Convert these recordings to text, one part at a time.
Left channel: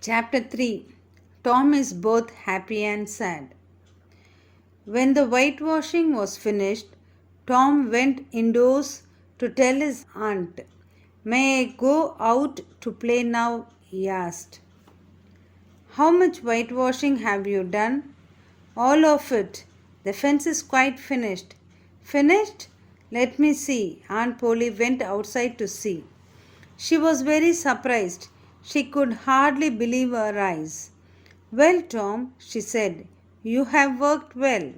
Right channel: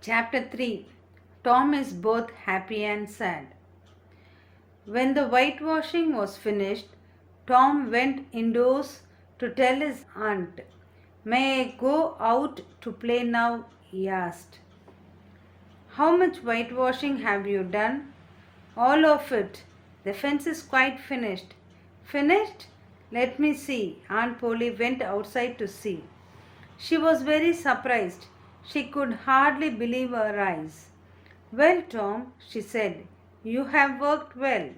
Chapter 3. Tom is both happy and sad. When the whitewashing was finished, Tom went indoors to tell his aunt. May I go out to play now? He asked. How much whitewashing have you done? All of it. The fence is quite finished. Finished? Let me see. Aunt Polly went outside to see. She was very surprised. She could hardly believe her eyes. Well, Tom, she said, you have worked well.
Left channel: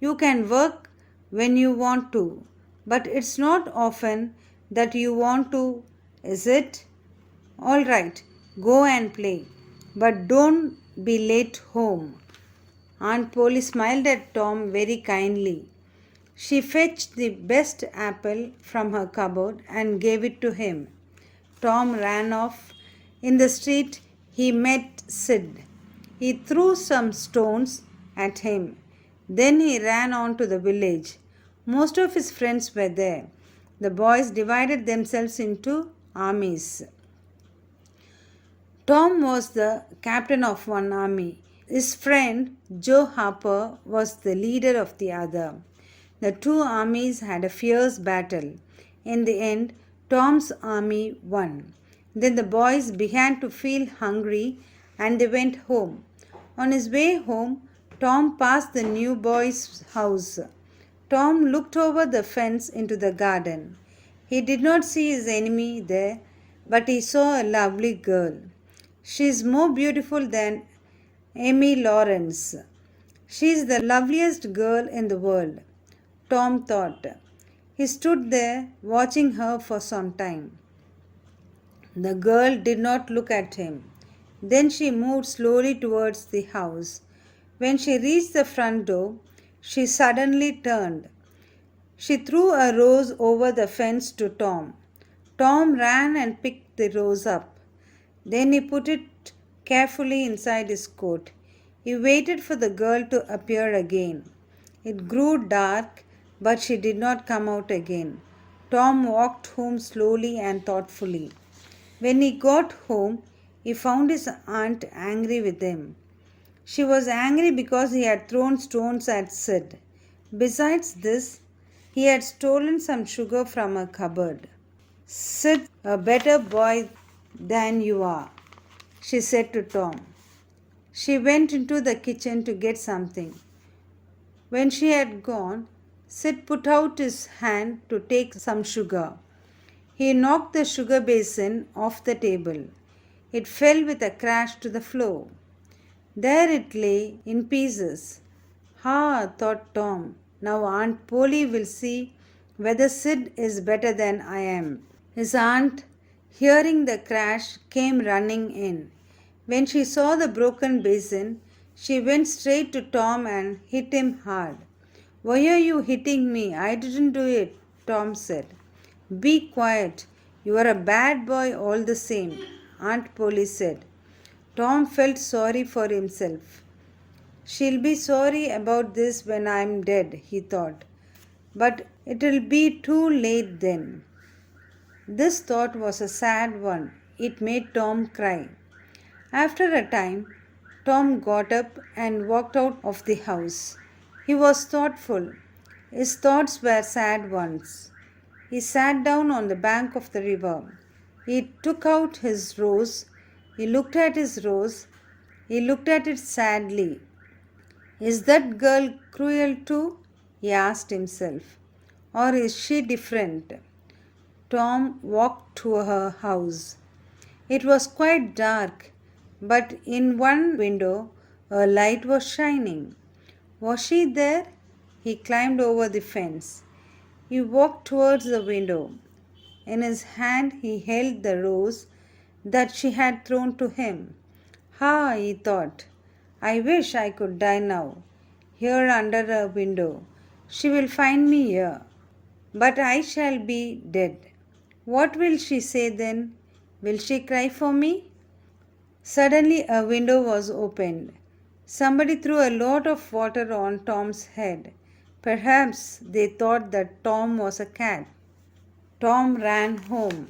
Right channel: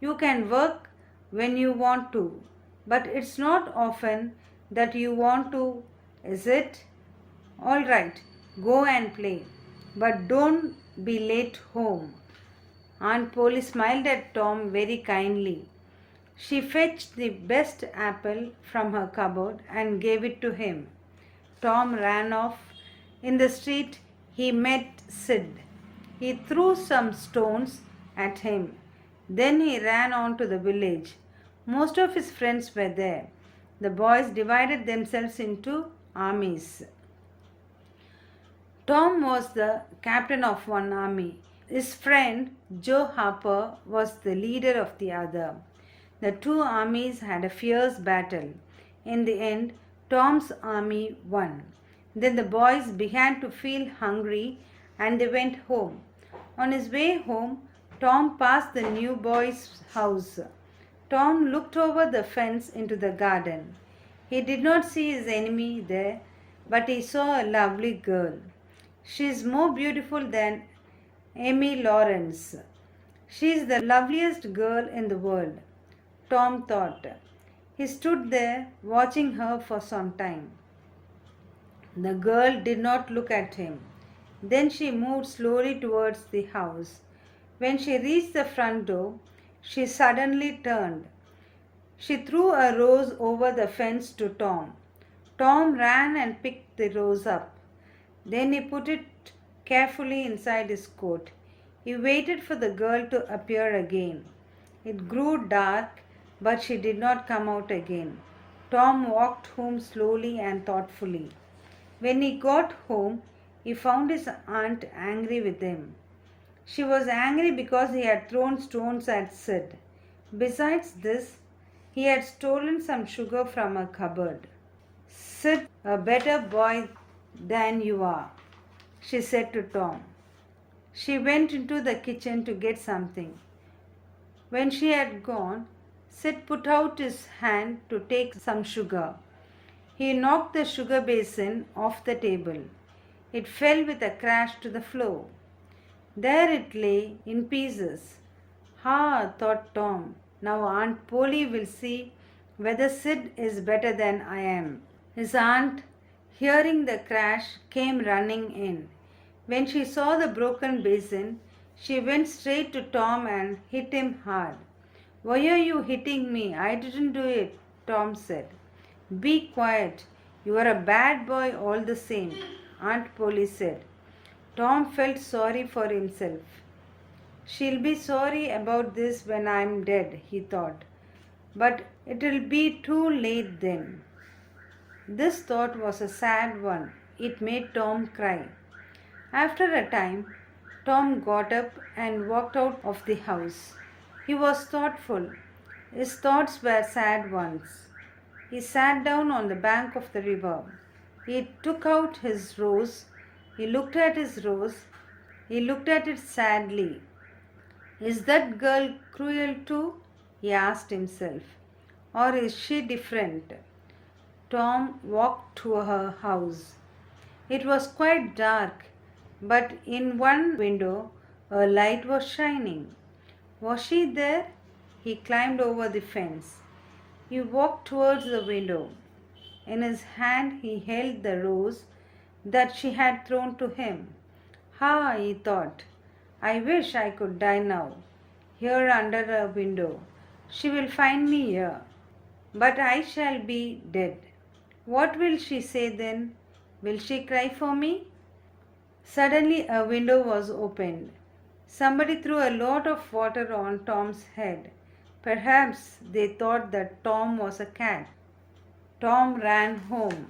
You can work when you want to, but it's not often that you want to, is it? All right, go and play, but don't be late home. Aunt Polly smiled at Tom very kindly. She fetched the best apple from her cupboard and gave it to him. Tom ran off. In the street, he met Sid. He threw some stones at him. Then he ran on to the village. Most of his friends were there. The boys divided themselves into armies. Tom was the captain of one army. His friend Joe Harper was the leader of the other. The two armies had a fierce battle. In the end, Tom's army won. Then the boys began to feel hungry and they went home. On his way home, Tom passed the new boy's house. Tom looked over the fence into the garden. He did not see his enemy there, but he saw a lovely girl. She is more beautiful than Amy Lawrence. She is the loveliest girl in the world, Tom thought. He stood there watching her for some time. The girl did not look at him. Then she moved slowly towards the house. When she reached the front door, she suddenly turned. She threw a rose over the fence to Tom. Tom ran and picked the rose up. Then he put it carefully inside his coat. He waited for the girl to appear again. It grew dark, but she did not come out again. Tom walked home slowly and thoughtfully. When he got home, he found his aunt angry with him. She was angry because he had thrown stones at Sid. Besides this, he had stolen some sugar from her cupboard. Sid, a better boy than you are, she said to Tom. She went into the kitchen to get something. When she had gone, Sid put out his hand to take some sugar. He knocked the sugar basin off the table. It fell with a crash to the floor. There it lay in pieces. Ha, thought Tom. Now Aunt Polly will see whether Sid is better than I am. His aunt, hearing the crash, came running in. When she saw the broken basin, she went straight to Tom and hit him hard. Why are you hitting me? I didn't do it, Tom said. Be quiet. You are a bad boy all the same, Aunt Polly said. Tom felt sorry for himself. She'll be sorry about this when I'm dead, he thought. But it'll be too late then. This thought was a sad one. It made Tom cry. After a time, Tom got up and walked out of the house. He was thoughtful. His thoughts were sad ones. He sat down on the bank of the river. He took out his rose. He looked at his rose. He looked at it sadly. Is that girl cruel too? He asked himself. Or is she different? Tom walked to her house. It was quite dark, but in one window a light was shining. Was she there? He climbed over the fence. He walked towards the window. In his hand he held the rose that she had thrown to him. Ha, he thought, I wish I could die now, here under a window. She will find me here, but I shall be dead. What will she say then? Will she cry for me? Suddenly a window was opened. Somebody threw a lot of water on Tom's head. Perhaps they thought that Tom was a cat. Tom ran home.